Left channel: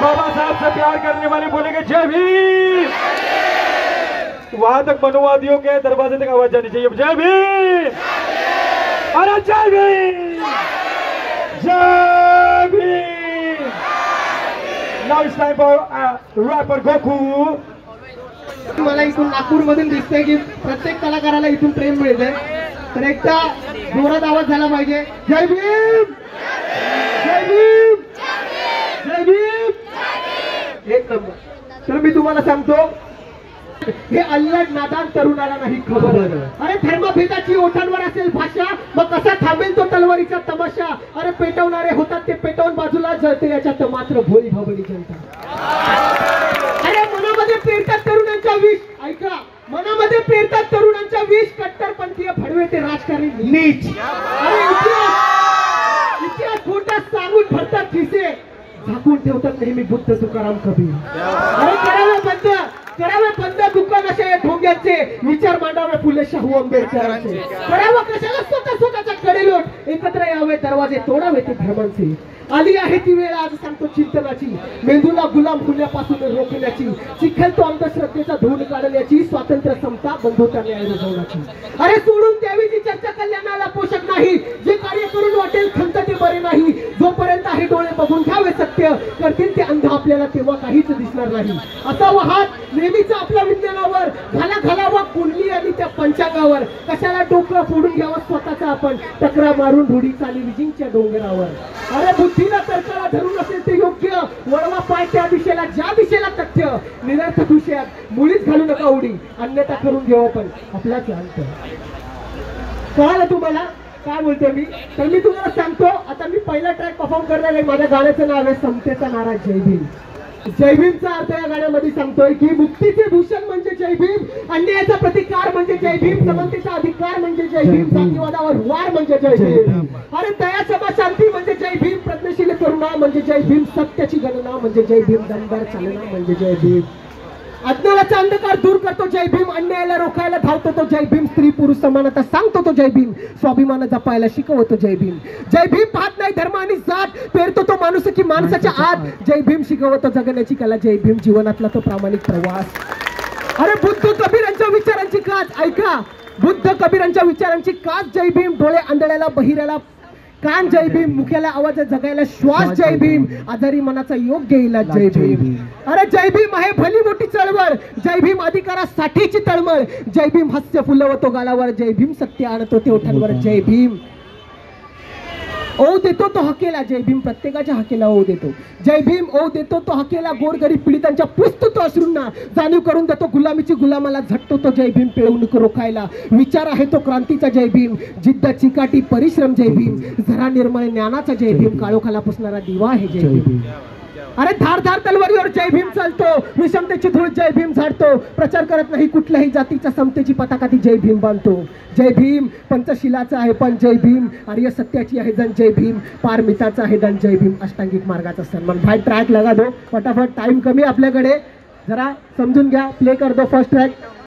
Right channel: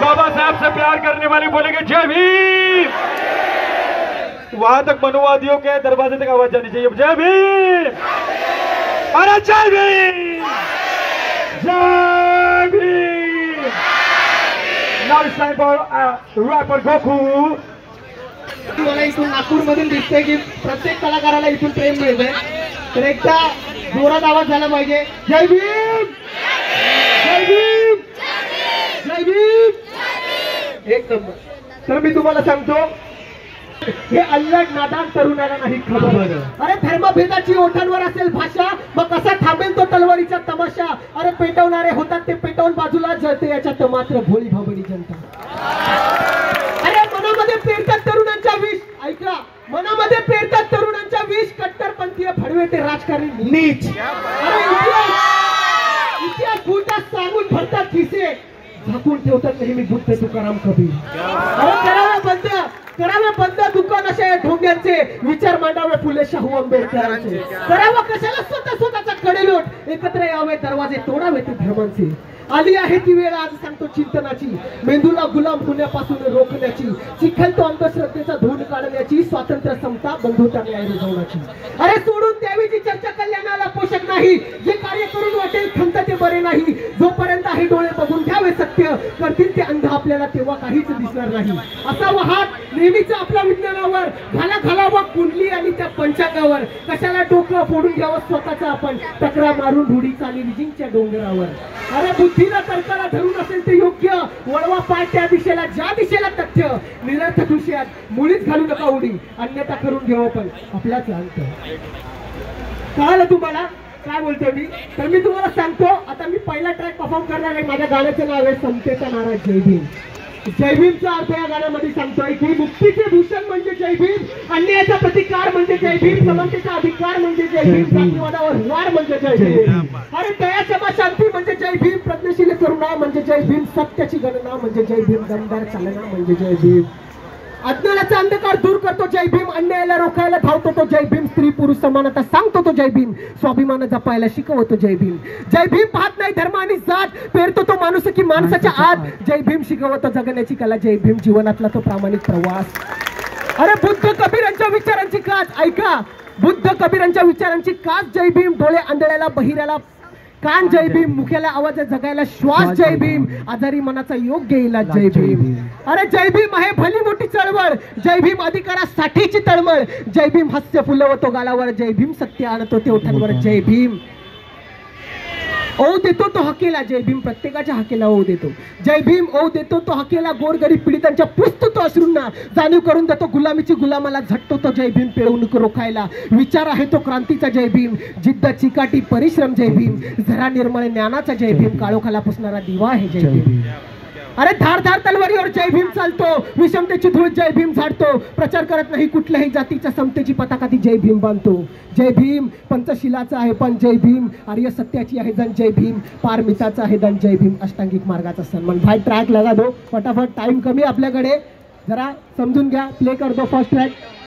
बाबा साहब से प्यार करने वाले बोलेंगे जय भीम। वहां तक मनुवादियों के दरवाजे तक आवाज जानी चाहिए, जय भीम, अरे Jai Bhim, Jai Bhim. Now it's time for rapper Goku. मला इथून नागपूर मधून दिसतंय की प्रत्येक कलाकाराला इथून ट्रेन मिळते, तर एकदा जोरात आवाज झाला पाहिजे, जय भीम, जय भीम, जय भीम। एक नंबर. तर मी तुम्हाला सांगतो, हे अल्लड नादान तरुणाला नाही खबर. अरे धर्मभेदाची ओठांवर असेल भाषा, मग कसा थांबेल तो तलवारीचा तमाशा. अरे पेटवणारे होतात ते पेटवून बाजूला जळते याच्यात मात्र भोळी भाबडी जनता. अरे मनामध्ये पेरतात तरुणांच्या विष, ऐका, मनामध्ये पेरतात तरुणांच्या विष, कट्टरपंथीय भडवे ते राजकारणी नीच. इतिहास खोटा सांगून भरतात खिसे, झाकून ठेवतात नेहमी बुद्ध तुकाराम कबीर. अरे करावे बंद दुकान अशा या ढोंग्यांचे, विचार मांडावे फुले शाहू आंबेडकरांचे. करावं कशाला स्वतःचा कडेलोट, एकत्र यावे दरवाजे तोडावे ते धर्मांचे. आली आहे ती वेळ आज सांगतो चिंतनाची, मेंदूला गुलाम होण्यापासून रोखण्याची, चिखलतो अंधश्रद्धेचा धूळ काढण्याची, स्वातंत्र्य समता बंधुता न्याय रुजवण्याची. अरे सोडून द्यावी जी चर्चा कल्याणाला पोषक नाही, जे कार्य करून वाटेल खंत ते बरे नाही. जोपर्यंत आहे डोळे बघून घ्यावे सत्य, करतील ते अंध आपल्याला तेव्हा काहीच दिसणार नाही. असा वाहत नेहमीच आपल्या विज्ञानावर, घालावा कुंडली आणि त्या पंचांगावर. कशाला डोकं फोडून घ्यावं स्वतःचा आपण, तक्रार मारून ढुडी चाली विजिंगच्या डोंगरावर. अरे बुद्धीला तर्काला धरून असेल ते योग्य, वळवा पाय त्या दिशेला ज्या दिशेला तथ्य. निरर्थक विषयात मुळीच घालू नका उडी, अन्यथा करून घेऊ पण आपलाच अंत. कळालं तुम्हाला काय बोलतोय मी? तर मी तुम्हाला सांगतो, आता मी पहिला ट्रॅक परफॉर्म करणार आहे. माझ्या गाण्याचं नाव आहे समतेचा नारा जय भीम. जय भीमचा अर्थ या गाण्यामध्ये सांगतोय की मुक्तीचे भूषण म्हणजे जय भीम, अन्यायाचा प्रतिकार म्हणजे जय भीम, समानतेचा अधिकार म्हणजे जय भीम, जातीवादावर वार म्हणजे जय भीम. अरे दया क्षमा शांती म्हणजे जय भीम, प्रज्ञशील करुणा म्हणजे जय भीम, सत्याची गणना म्हणजे जय भीम, दमदार चालना म्हणजे जय भीम. अज्ञानाचा अंधकार दूर करतो जय भीम, अन्यायाला रोखायला धावतो तो जय भीम, स्त्री पुरुष समानता सांगतो तो जय भीम, स्वाभिमान जपायला शिकवतो जय भीम. जय भीम पाहत नाही धर्म आणि जात, पेरतो तो माणूस की माणसाच्या आत. जय भीम शिकवतो जगण्याची कला, जय भीम जीवनातला तो प्रामाणिक प्रवास. अरे बुद्ध कबीरांच्या विचारांची काच, ऐका, बुद्ध कबीरांच्या विचारांची काच जय भीम. डोळे आंधळ्याला बहिऱ्याला कान जय भीम, मुख्याला आवाज जगायला श्वास जय भीम, आजारी मनाचा योग्य इलाज जय भीम. अरे जय भीम आहे भली मोठी चळवळ, जय भीम अधिकारासाठीची तळमळ, जय भीम हास्य फुलवतो गालावर, जय भीम सत्य आणतो ते ओठांवर, जय भीम ओ देतो तो हकेला, जय भीम प्रत्येकाच्या हकेला ओ देतो. जय भीम ओ देतो तो हकेला, गोरगरीब पीडितांच्या पुसतो तो अश्रूंना, जाणीव करून देतो गुलामीची गुलामाला, झटतो तो जय भीम पिळवणूक रोखायला. विचार आहे तो क्रांतीचा जय भीम, जिद्द चिकाटी परिश्रम जय भीम, झरा निर्मळ ज्ञानाचा जय भीम, काळोखाला पुसणारा दिवा आहे जय भीम. अरे धार धार तलवारीवर जय भीम चालतो, विषमतेची धूळ जय भीम झाडतो, प्रचार करत नाही कुठल्याही जातीच्या समतेची पताका ती जय भीम बांधतो. जय भीम पंचशिलाचा आहे पण जय भीम, आर्य सत्याची आहे जन जय भीम, पारमिताचा आहे दन जय भीम, अष्टांगिक मार्गाचा सन्मान. भाई ट्रॅक लगा दो फटाफट, टाइम कमी आपल्याकडे, जरा समजून घ्या. प्ले कर दो फर्स्ट ट्रॅक.